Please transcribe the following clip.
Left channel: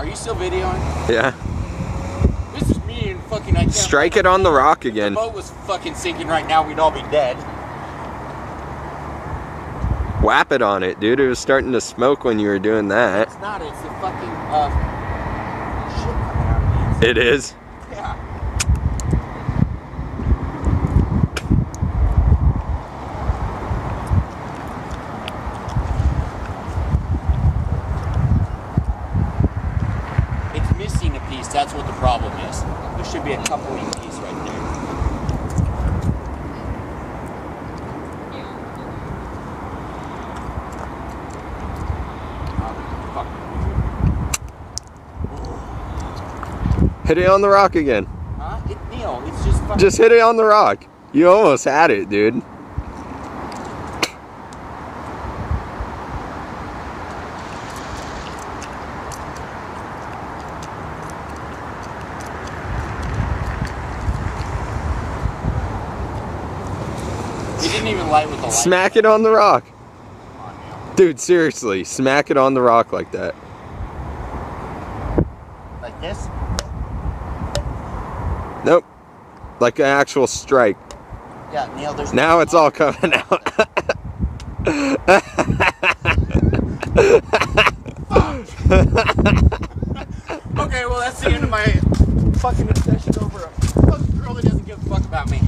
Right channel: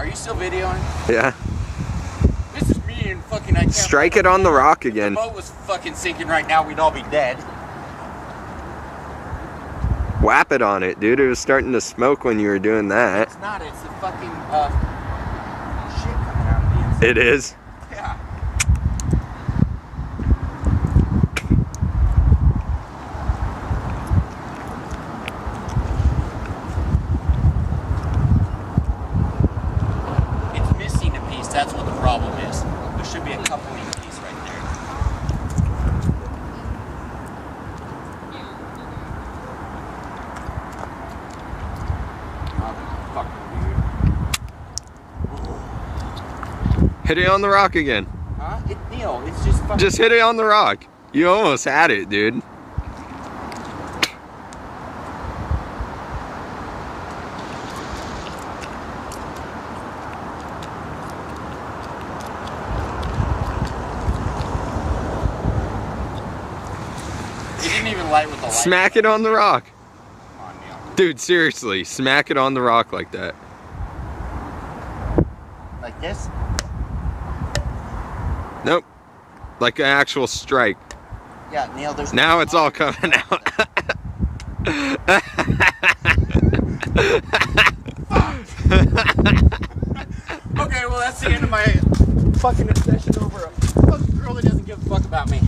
Are you still videoing? Yeah. This is me and fucking I can't. Strike it on the rock again. If the boat was fucking sinking right now, we'd all be dead. Whap it on it, dude. It was starting to smoke when you were doing that. It's not. It's the fucking shit coming out of the inside. It is? Yeah. It's missing a piece. That's what the problem is. There should be a couple of pieces right there. Hit it on the rock again. Huh? Neil, it's just fucking... Just hit it on the rock. You almost had it, dude. You didn't even light with the light. Smack it on the rock. Come on, Neil. Dude, seriously, smack it on the rock like that. Like this? Nope. Like an actual strike. Yeah, Neil, there's... Now it's all coming out. Okay, well that's the end of my fucking obsession over a fucking girl that doesn't give a fuck about me.